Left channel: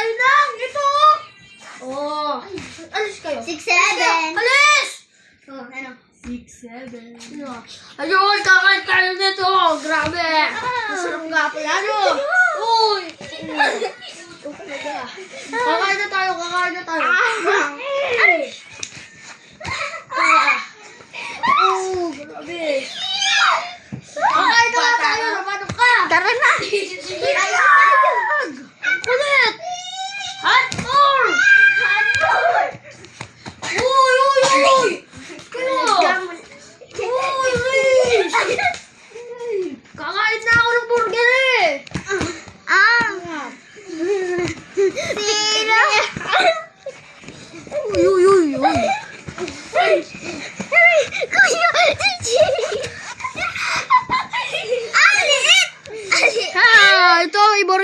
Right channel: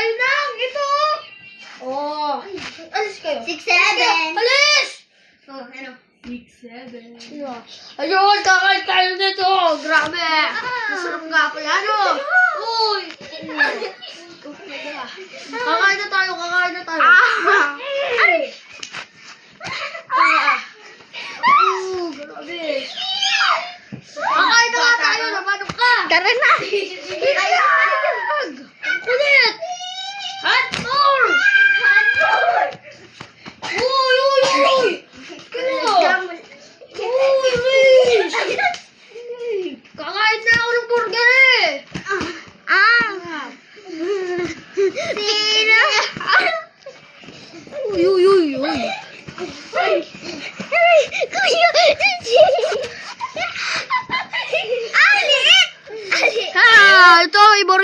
kayo lang. Ito. Oh. Alis kayo. 6-7. Alis! Oh, ano? 6-7. Ayun, kakain kayo dito. Grabe. Masarap nga pala, no? Uy. Kakain na tayo, kakain na tayo. Ay! Oh, grabe. Kakain na nga tayo, namanok ka. Tara na! Ayag! Ang kulit! Hotdog! Uy, uy, uy! Kaya! Uy, Liz! Kakain na ako ng burger eh! Sino? Uy, uy, uy, uy! Kuya! Ali! Ha! Ito, ibo